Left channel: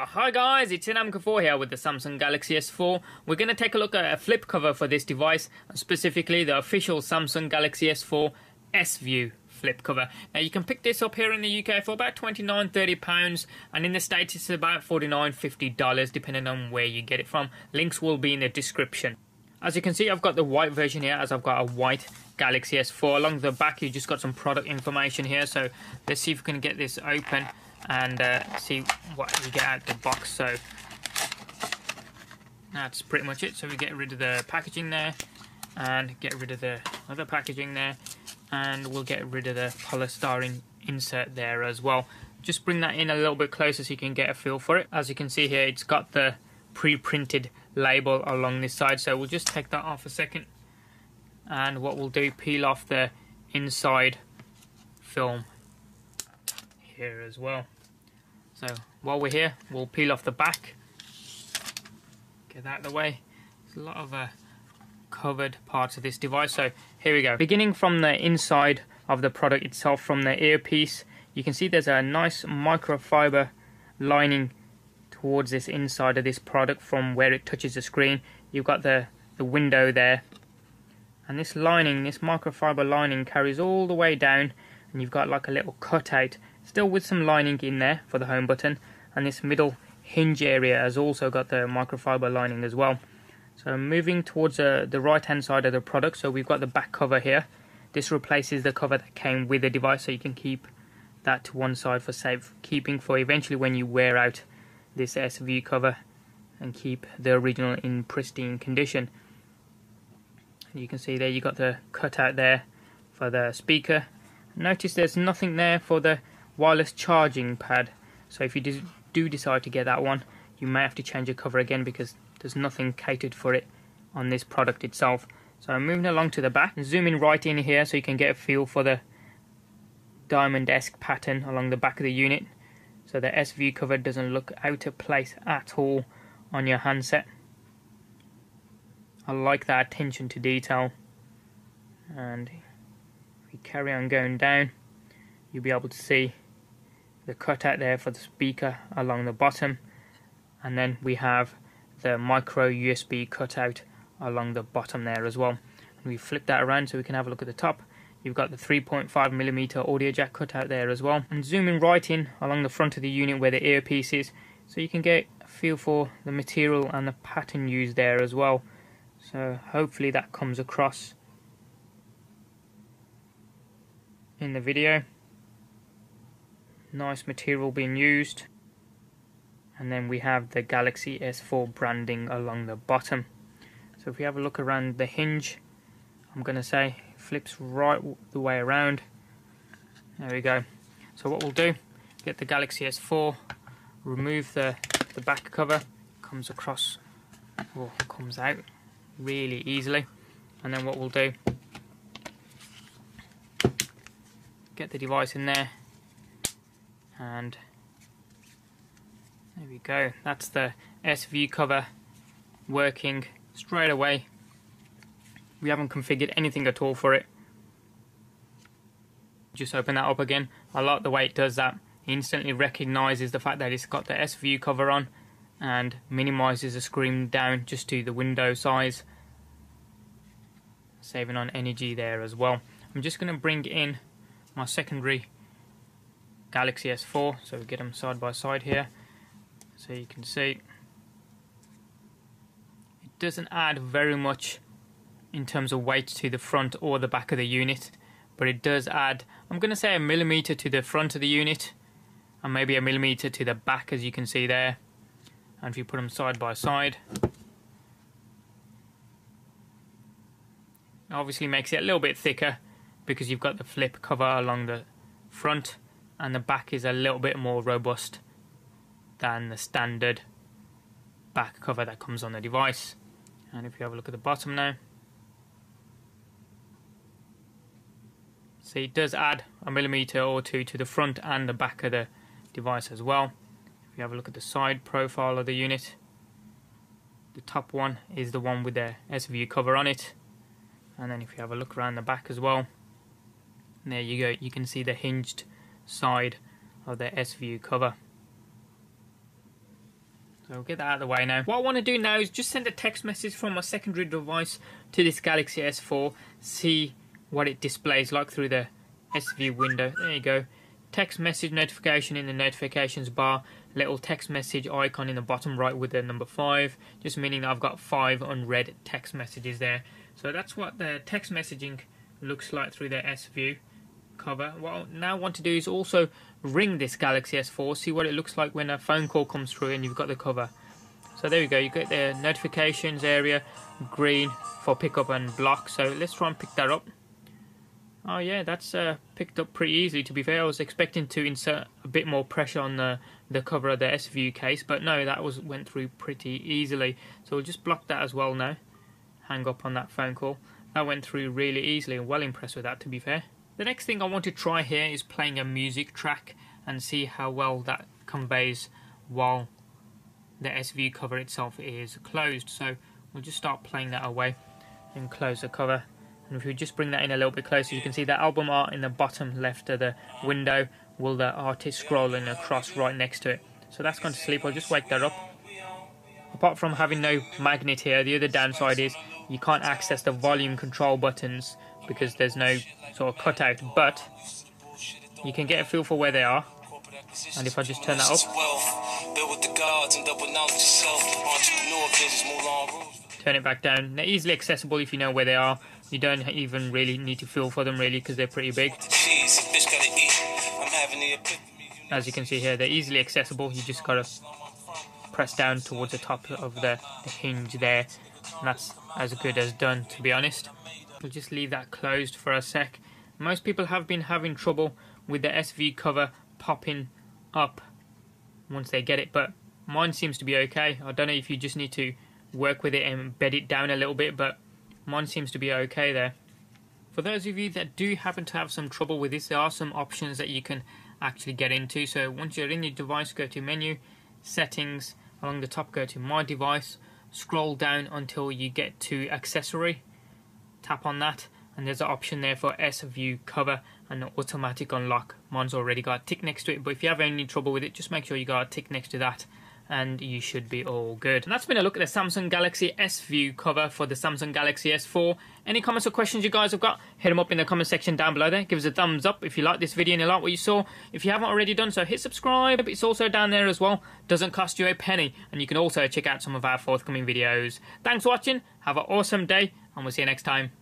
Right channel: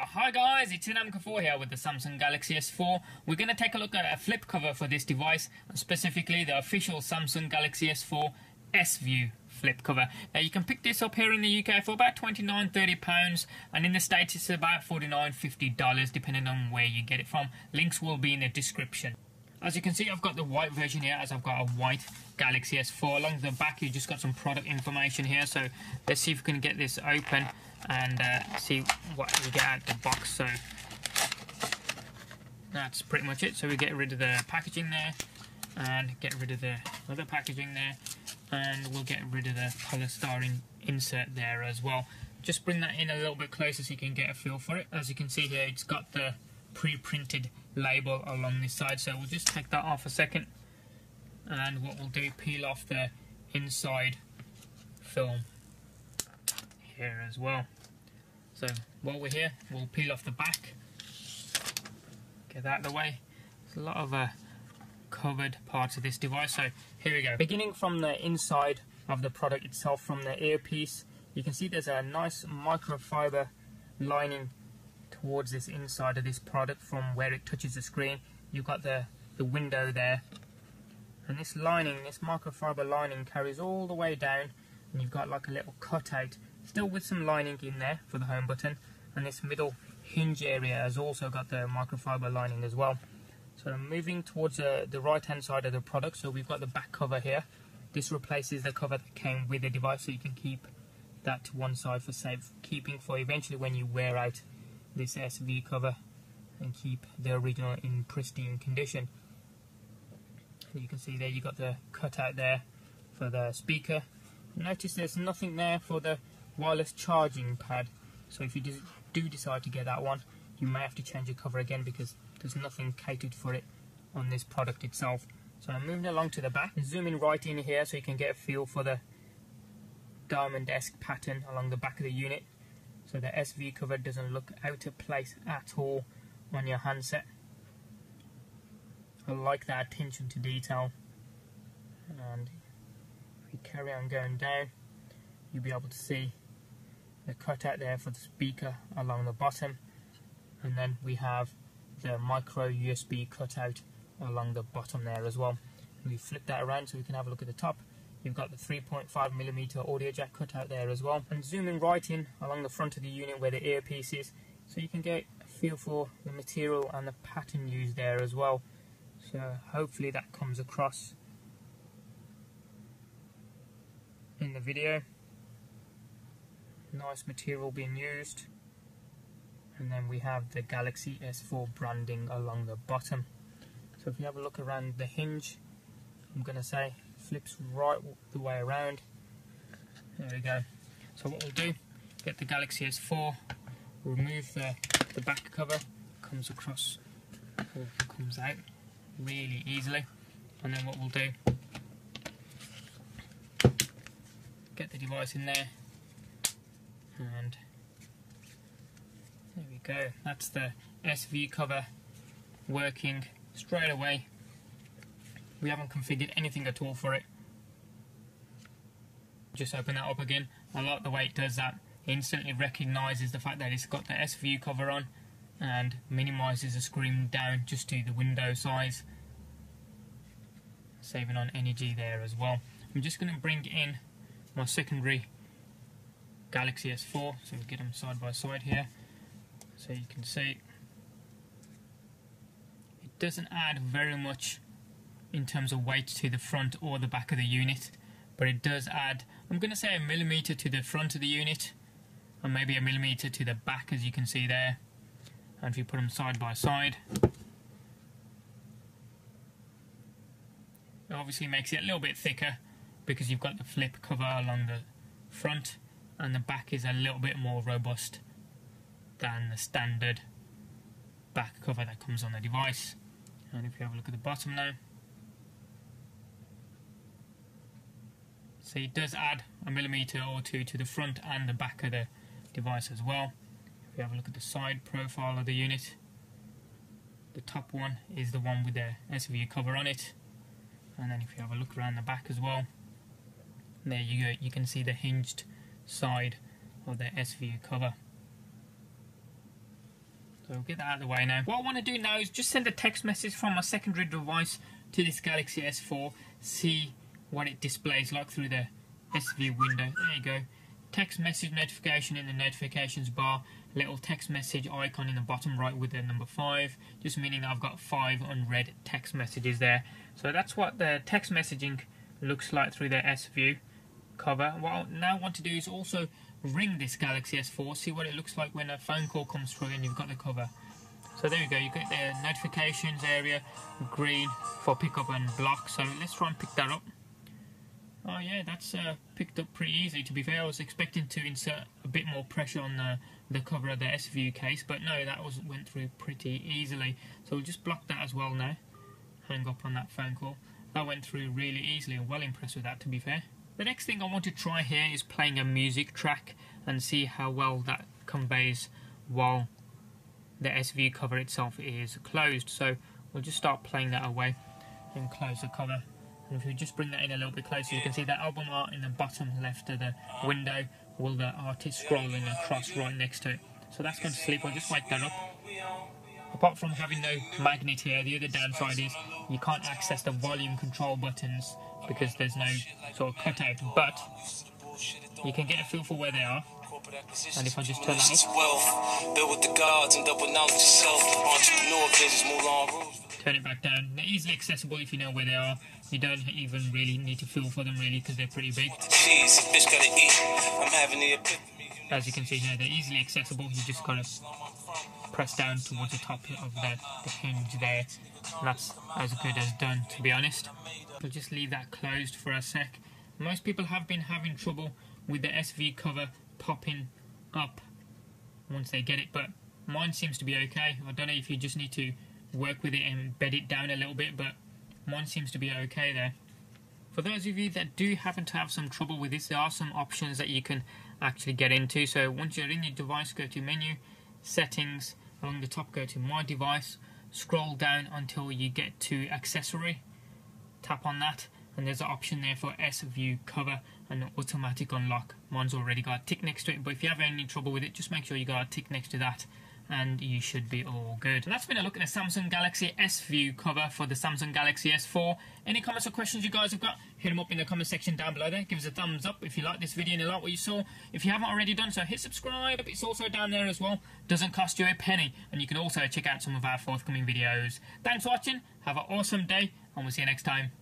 Hi guys, it's Inam4 here with the Samsung Galaxy S4. We're going to take a look at a flip cover for this device, specifically the official Samsung Galaxy S4 S-View flip cover. Now you can pick this up here in the UK for about £29–30, and in the States it's about $49–50 depending on where you get it from. Links will be in the description. As you can see, I've got the white version here, as I've got a white Galaxy S4. Along the back you just got some product information here, so let's see if we can get this open and see what we get out of the box. So that's pretty much it. So we get rid of the packaging there and get rid of the other packaging there, and we'll get rid of the polystyrene insert there as well. Just bring that in a little bit closer so you can get a feel for it. As you can see here, it's got the pre-printed label along this side, so we'll just take that off a second, and what we'll do, peel off the inside film here as well. So while we're here, we'll peel off the back, get that out of the way. There's a lot of covered parts of this device, so here we go. Beginning from the inside of the product itself, from the earpiece, you can see there's a nice microfiber lining towards this inside of this product from where it touches the screen. You've got the window there, and this lining, this microfiber lining, carries all the way down, and you've got like a little cutout still with some lining in there for the home button, and this middle hinge area has also got the microfiber lining as well. So moving towards the right hand side of the product, so we've got the back cover here. This replaces the cover that came with the device, so you can keep that to one side for safekeeping for eventually when you wear out this S-View cover, and keep the original in pristine condition. And you can see there you got the cutout there for the speaker. Notice there's nothing there for the wireless charging pad, so if you do decide to get that one, you may have to change your cover again because there's nothing catered for it on this product itself. So I'm moving along to the back and zooming right in here so you can get a feel for the diamond-esque pattern along the back of the unit. So the S-View cover doesn't look out of place at all on your handset. I like that attention to detail. And if you carry on going down, you'll be able to see the cutout there for the speaker along the bottom, and then we have the micro USB cutout along the bottom there as well. And we flip that around so we can have a look at the top. You've got the 3.5mm audio jack cutout there as well, and zooming right in along the front of the unit where the earpiece is, so you can get a feel for the material and the pattern used there as well. So hopefully that comes across in the video. Nice material being used, and then we have the Galaxy S4 branding along the bottom. So if we have a look around the hinge, I'm going to say it flips right the way around. There we go. So what we'll do, get the Galaxy S4, remove the back cover, comes across or comes out really easily, and then what we'll do, get the device in there, and there we go. That's the S-View cover working straight away. We haven't configured anything at all for it. Just open that up again. I like the way it does that. It instantly recognises the fact that it's got the S-View cover on and minimises the screen down just to the window size, saving on energy there as well. I'm just going to bring in my secondary Galaxy S4, so we get them side by side here, so you can see it doesn't add very much in terms of weight to the front or the back of the unit, but it does add, I'm going to say, 1mm to the front of the unit and maybe 1mm to the back, as you can see there. And if you put them side by side, it obviously makes it a little bit thicker because you've got the flip cover along the front, and the back is a little bit more robust than the standard back cover that comes on the device. And if you have a look at the bottom now, see, it does add 1mm or two to the front and the back of the device as well. If you have a look at the side profile of the unit, the top one is the one with the S-View cover on it, and then if you have a look around the back as well, there you go, you can see the hinged side of the S-View cover. So we'll get that out of the way now. What I want to do now is just send a text message from my secondary device to this Galaxy S4, see what it displays like through the S View window. There you go. Text message notification in the notifications bar, little text message icon in the bottom right with the number 5, just meaning that I've got 5 unread text messages there. So that's what the text messaging looks like through the S View cover. What I now want to do is also ring this Galaxy S4, see what it looks like when a phone call comes through and you've got the cover. So there we go, you get the notifications area green for pick up and block. So let's try and pick that up. Oh yeah, that's picked up pretty easily, to be fair. I was expecting to insert a bit more pressure on the cover of the S View case, but no, that went through pretty easily. So we'll just block that as well now. Hang up on that phone call. That went through really easily, and well impressed with that, to be fair. The next thing I want to try here is playing a music track and see how well that conveys while the S View cover itself is closed. So we'll just start playing that away and close the cover. And if we just bring that in a little bit closer, you can see that album art in the bottom left of the window with the artist scrolling across right next to it. So that's gone to sleep. I'll just wake that up. Apart from having no magnet here, the other downside is you can't access the volume control buttons because there's no sort of cutout, but you can get a feel for where they are. And if I just turn that up, turn it back down, they're easily accessible if you know where they are. You don't even really need to feel for them really because they're pretty big. As you can see here, they're easily accessible. You just gotta press down towards the top of the hinge there, and that's as good as done, to be honest. We'll just leave that closed for a sec. Most people have been having trouble with the S View cover popping up once they get it, but mine seems to be okay. I don't know if you just need to work with it and bed it down a little bit, but mine seems to be okay there. For those of you that do happen to have some trouble with this, there are some options that you can actually get into. So once you're in your device, go to menu, settings, along the top go to my device, scroll down until you get to accessory, tap on that, and there's an option there for S View cover and automatic unlock. Mine's already got a tick next to it, but if you have any trouble with it, just make sure you got a tick next to that and you should be all good. And that's been a look at the Samsung Galaxy S View cover for the Samsung Galaxy S4. Any comments or questions you guys have got, hit them up in the comment section down below there. Give us a thumbs up if you like this video and you like what you saw. If you haven't already done so, hit subscribe. It's also down there as well. Doesn't cost you a penny. And you can also check out some of our forthcoming videos. Thanks for watching. Have an awesome day and we'll see you next time.